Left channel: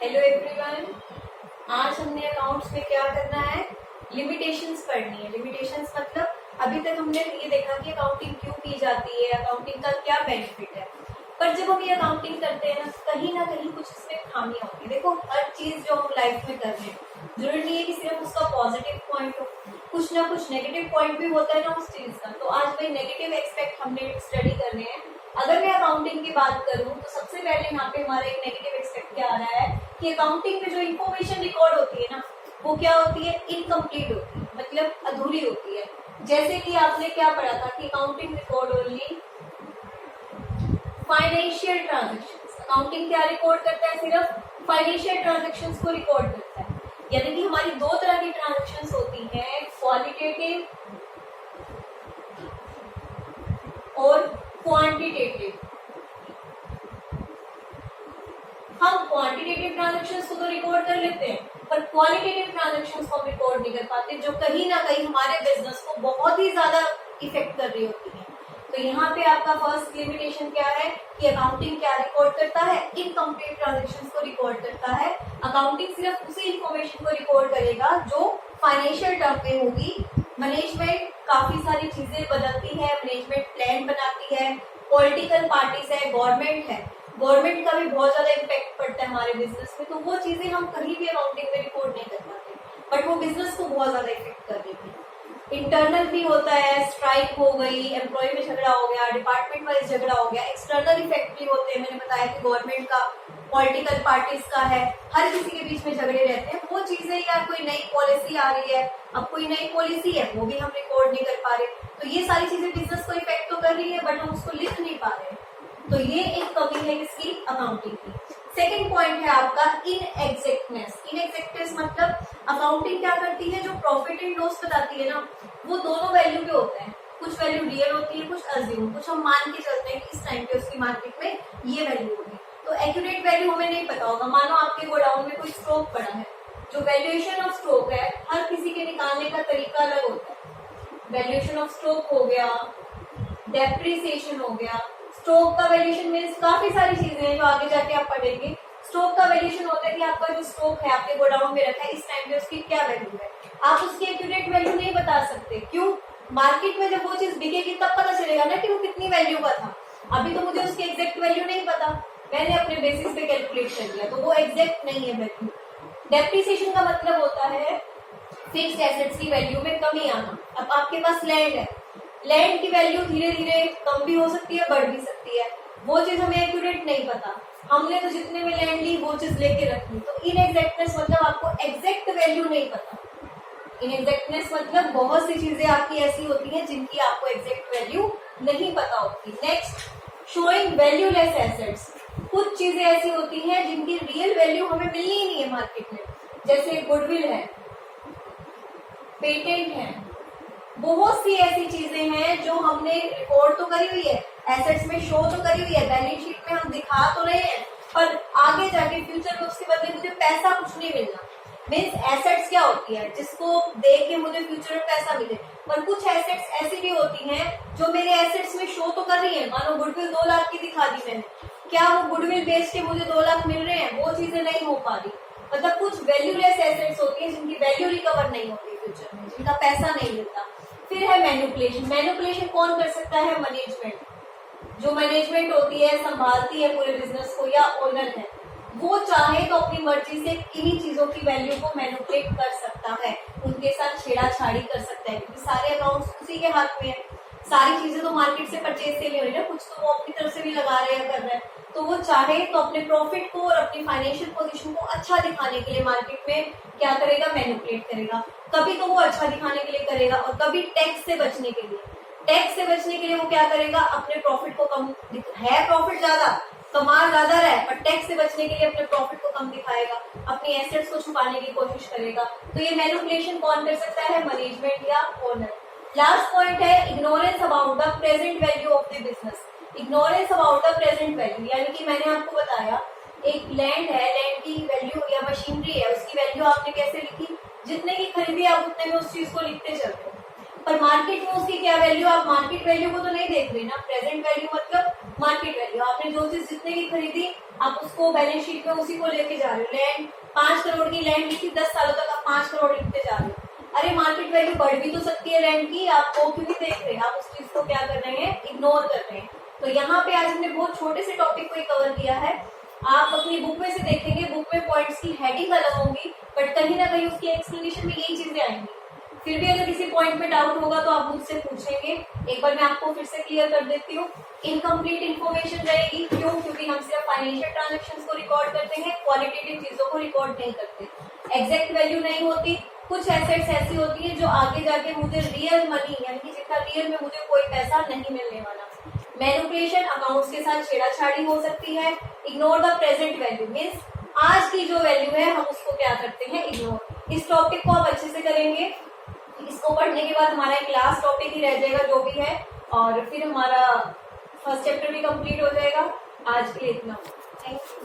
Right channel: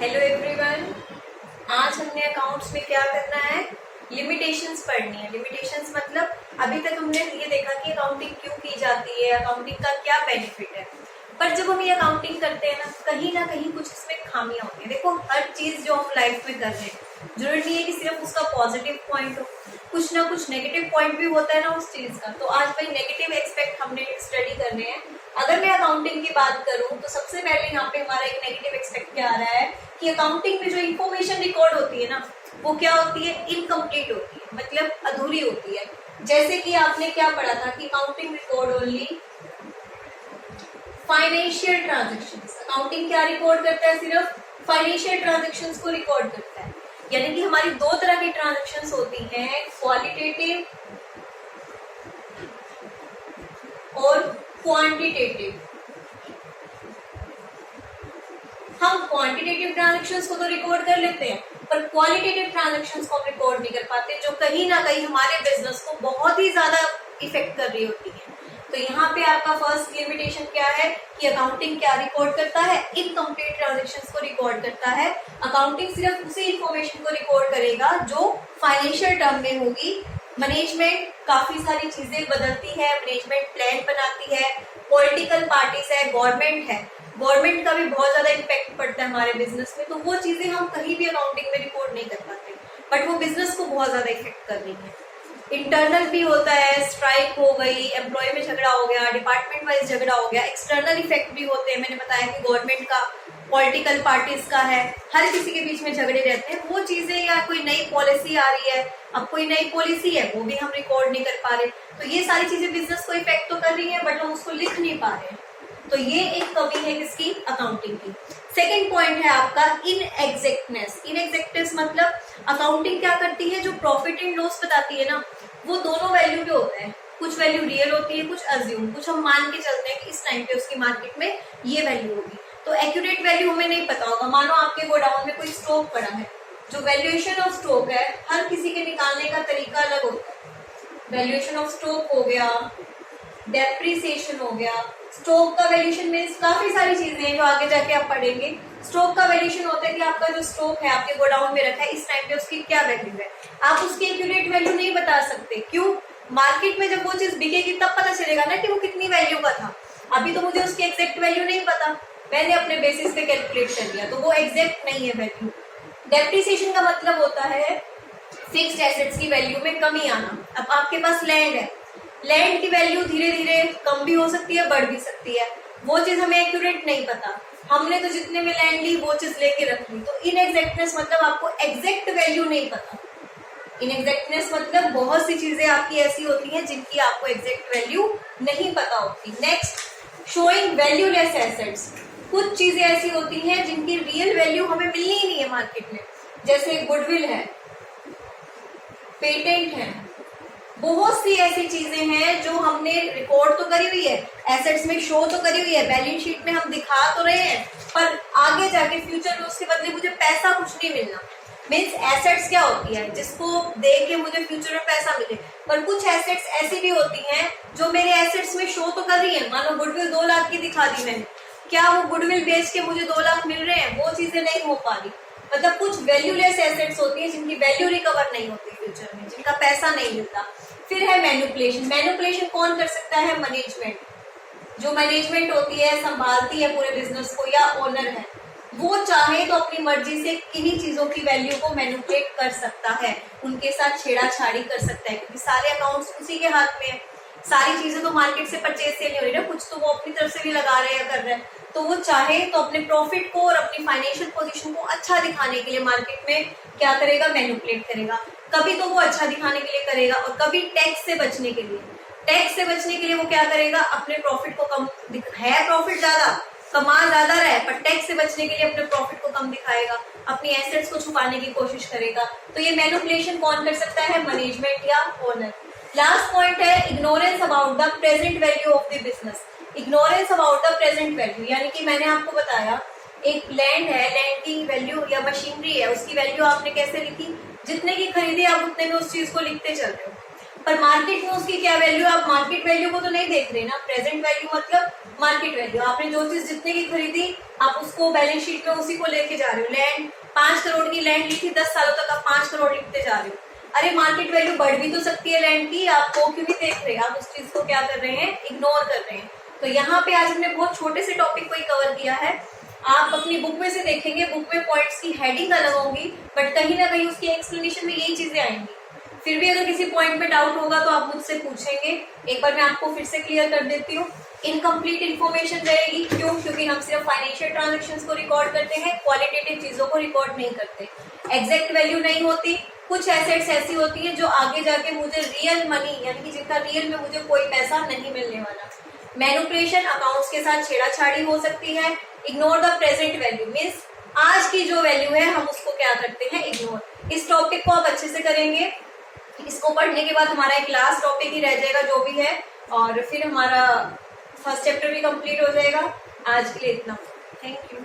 Hello everyone. आज हमने accounts में क्या करना है, लिमिटेशंस पढ़नी है। लिमिटेशंस मतलब अभी तक हमने ये देखा कि अकाउंटिंग क्यों की जाती है, अकाउंटिंग का क्या बेनिफिट है। पर जब हम ये अकाउंटिंग करते हैं ना कहीं कुछ इसमें खामियां होती है। देखो, हर चीज जो हम लाइफ में कर रहे हैं जरूरी नहीं है कि सिर्फ उसका पॉजिटिव पॉइंट हो, कुछ ना कुछ नेगेटिव पॉइंट भी होता है ना उस चीज का। तो आज भाई नेगेटिव एस्पेक्ट हमने स्टडी करने हैं। अगर मैं अकाउंटिंग की बात करूं तो सबसे पहले यहाँ पे हमारा एक नेगेटिव एक्सपेक्ट क्या आ रहा है कि अकाउंटिंग में जो इन्फॉर्मेशन रिकॉर्ड होती है ना वो क्या होती है, इनकम्प्लीट होती है, मतलब अधूरी होती है। जैसे कि आपने क्या पढ़ा था कि accounting record only financial transactions. Accounting क्या रिकॉर्ड करता है, सिर्फ फाइनेंशियल ट्रांजेक्शंस को रिकॉर्ड करता है। यानी कि हमारी दो तरह की ट्रांजेक्शंस होती हैं, क्वालिटेटिव और क्वांटिटेटिव। हम क्वांटिटेटिव ट्रांजैक्शंस को तो रिकॉर्ड कर लेते हैं पर क्वालिटेटिव ट्रांजैक्शंस को हम रिकॉर्ड नहीं कर पाते, जो कहीं ना कहीं हमारे बिजनेस को बहुत ही ज्यादा इफेक्ट कर रही होती है। तो यहाँ पे आपका फर्स्ट लिमिटेशन क्या है कि अकाउंटिंग क्या रिकॉर्ड करता है, इनकम्प्लीट ट्रांजैक्शंस को रिकॉर्ड करता है। अकाउंटिंग सिर्फ उसी इंफॉर्मेशन को रिकॉर्ड करेगा जो फाइनेंशियल टर्म में होगी। मैनेजमेंट काफी सारी चीजें बदलती है, मैनेजमेंट प्लान बनाती है, पॉलिटिकल पार्टीज है, गवर्नमेंट का भी बहुत ज्यादा इम्पैक्ट पड़ता है हमारे बिजनेस में। तो वो चीजें हम कहीं भी अकाउंटिंग में रिकॉर्ड नहीं कर पाते, बट वो बिजनेस को बहुत ज्यादा इफेक्ट कर रही है। इंटरनल भी होता है, स्ट्राइक हो गई, एम्प्लॉय में झगड़ा हो गया, डिपार्टमेंट वाइज झगड़ा हो गया। एक्सटर्नल इफेक्ट भी होते हैं, मैंने बताया कि गवर्नमेंट का, पॉलिटिकल पार्टीज का है, हर किसी के बीच में झगड़े रहते हैं। वो चीजें, या कोई नई पॉलिसी आ रही है, अब कोई नई पॉलिसी है वो भी हम रिकॉर्ड नहीं कर पा रहे। तो ये सारी चीजें बिजनेस को इफेक्ट तो कर रही है बट हम उसको लिख नहीं पा रहे हैं। तो ये एक कमी है किसकी, अकाउंटिंग की। सेकंड पॉइंट है आपका इनएग्जैक्टनेस। इनएग्जैक्टनेस मतलब अकाउंटिंग क्या करती है, जो प्रॉफिट एंड लॉस बताती है ना वो दोनों वैल्यू के होते हैं। कुछ वैल्यू रियल होती है, कुछ अज्यूम, कुछ हम मान के चलते हैं कि इस टाइम पे उसकी मार्केट में ये वैल्यू होगी। तो एक्यूरेट वैल्यू हमें नहीं पता होगा। मानो आपके गोडाउन में कोई स्टॉक पड़ा है, जो वैल्यूएशन ऑफ स्टॉक है हर किसी के निकालने का तरीका अलग होता है। वैल्यूएशन ऑफ स्टॉक हो गया, डेप्रिसिएशन हो गया। स्टॉक का वैल्यूएशन मीन्स काफी सारी चीजें हैं जो आगे जाके आप पढ़ेंगे। स्टॉक का वैल्यूएशन होता है कि आपका जो स्टॉक है आपके गोडाउन में रखा है इस टाइम पे उसकी क्या वैल्यू है। आप उसकी एक्यूरेट वैल्यू नहीं बता सकते। क्यों? मार्केट में जब वो चीज बिकेगी तब पता चलेगा ना कि वो कितनी वैल्यू का था। अभी तो मुझे उसकी एग्जैक्ट वैल्यू नहीं पता, मैंने अपने बेसिस पे कैलकुलेट कर लिया, तो वो एग्जैक्ट नहीं है वैल्यू। डेप्रिसिएशन का मतलब होता है फिक्स्ड एसेट्स की वैल्यू में कमी आना। अब आपके पास लैंड है, लैंड की वैल्यू धीरे धीरे कम भी हो सकती है, बढ़ भी सकती है। वो चीज हमें एक्यूरेट नहीं पता, हमने तो जितने में लैंड ली वो चीज लेके रख ली। तो इनएग्जैक्टनेस मतलब आपको एग्जैक्ट वैल्यू नहीं पता। इनएग्जैक्टनेस मतलब बहुत सी चीजें आपकी ऐसी होती हैं जिनकी आपको एग्जैक्ट वैल्यू नहीं पता होती। Next, showing valueless assets. कुछ चीजें ऐसी होती हैं जिनकी रियल वैल्यू हमें मिलनी ही नहीं है मार्केट में, जैसे गुडविल है, पेटेंट है, बहुत सी ऐसी चीजें हैं जो हमने रिकॉर्ड तो करी हुई है, एसेट्स में शो तो करी हुई है, बैलेंस शीट में हम दिखा तो रहे हैं, पर आगे जाके फ्यूचर में उसके बदले मुझे पैसा कुछ नहीं मिलना। मीन्स एसेट्स क्या होती है, जिसको देख के मुझे फ्यूचर में पैसा मिले। पर कुछ एसेट्स ऐसी भी होती हैं जो मेरे एसेट्स में शो तो कर रही है। मानो गुडविल 2 लाख की दिखा दी मैंने, क्या वो गुडविल बेच के मुझे 2 लाख मिल रहे हैं? वो चीजें नहीं हो पा रही। मतलब कुछ वैल्यूलेस एसेट्स होती है जिनकी वैल्यू रिकवर नहीं होती फ्यूचर में, जिनका पैसा नहीं मिलता। फिर है मैनिपुलेशन। मैनिपुलेशन कौन कर सकता है? मैनेजमेंट। जो मैनेजमेंट होती है, संभालती है पूरे बिजनेस को, या ओनर है, वो चाहे तो अपनी मर्जी से किन्हीं चीजों की वैल्यू को मैनिपुलेट कर सकता है, उनके साथ छेड़ाछाड़ी कर सकता है, क्योंकि सारे अकाउंट्स उसी के हाथ में है। सारी चीजें तो मार्केट से परचेज से नहीं हो रही ना, कुछ तो वो अपनी तरफ से भी लगा रहे हैं, कर रहे हैं। तो वो चाहे तो अपने प्रॉफिट को और अपनी फाइनेंशियल पोजीशन को अच्छा दिखाने के लिए मार्केट में क्या करेगा? मैनिपुलेट करेगा। कभी तो वो अच्छा दिखाने के लिए करेगा और कभी टैक्स से बचने के लिए। टैक्स से बचने के लिए वो क्या करेगा? अपने प्रॉफिट को कम है, प्रॉफिट ज्यादा, कमा ज्यादा रहे, पर टैक्स से बचने के लिए अपने प्रॉफिट को कम दिखाएगा, अपनी एसेट्स को छुपाने की कोशिश करेगा। तो ये मैनिपुलेशन कौन कर सकता है? मैनेजमेंट या ओनर। लास्ट पॉइंट है ignorance about the present value of the business. Ignorance about the present value, यानी कि मैंने आपको बताया एक लैंड है, लैंड की वैल्यू या मशीनरी है, उसकी वैल्यू आपने कैसे लिखी? जितने की खरीदी आप उतने में उस चीज को लिखते चल रहे हो। पर मार्केट में उसकी क्या वैल्यू, आप मार्केट वैल्यू को तो नहीं देख रहे ना। प्रेजेंट वैल्यू मतलब मार्केट वैल्यू, आपने जो चीज जितने की खरीदी आप उसको बैलेंस शीट में उसी को लेके जा रहे हो। लैंड 5 करोड़ की लैंड ली थी, 10 सालों तक आप 5 करोड़ लिखते जा रहे हो। अरे मार्केट वैल्यू बढ़ भी तो सकती है लैंड की, आप वो क्यों नहीं देख रहे, आप उस चीज को क्या कर रहे हैं, इग्नोर कर रहे हैं। तो यहाँ पे आज हमने बहुत छोटे से टॉपिक को ही कवर किया है। आप अपनी बुक में से देखेंगे, बुक में पॉइंट्स की हेडिंग अलग होंगी, बट कहीं ना कहीं उसकी एक्सप्लेनेशन में यही चीजें आएंगी। फिर भी अगर किसी पॉइंट पे डाउट होगा तो आप मुझसे पूछेंगे। एक बार मैं आपको फिर से क्लियर कर देती हूँ, इनकम्प्लीट इन्फॉर्मेशन रहेगी। क्यों? क्योंकि हम सिर्फ फाइनेंशियल ट्रांजेक्शन्स को रिकॉर्ड करते हैं, क्वालिटेटिव चीजों को रिकॉर्ड नहीं करते। एग्जैक्ट वैल्यू नहीं होती, कुछ एसेट्स ऐसी होती है जो आगे जाके मुझे रियल मनी, यानी कि जिनका रियल में मुझे कोई पैसा नहीं मिलने वाला। मैनिपुलेशन, अकाउंट्स के साथ छेड़ाछाड़ी हो सकती है। Ignore the present value means आज की जो वैल्यू है हम उसको क्या करते हैं, इग्नोर। इस टॉपिक को आप अच्छे से करेंगे। इसको पढ़ने के बाद हमारा एक लास्ट टॉपिक ही रह जाएगा जो भी है, और फिर हमारा फर्स्ट चैप्टर भी कंप्लीट हो जाएगा। आज के लिए इतना, थैंक यू।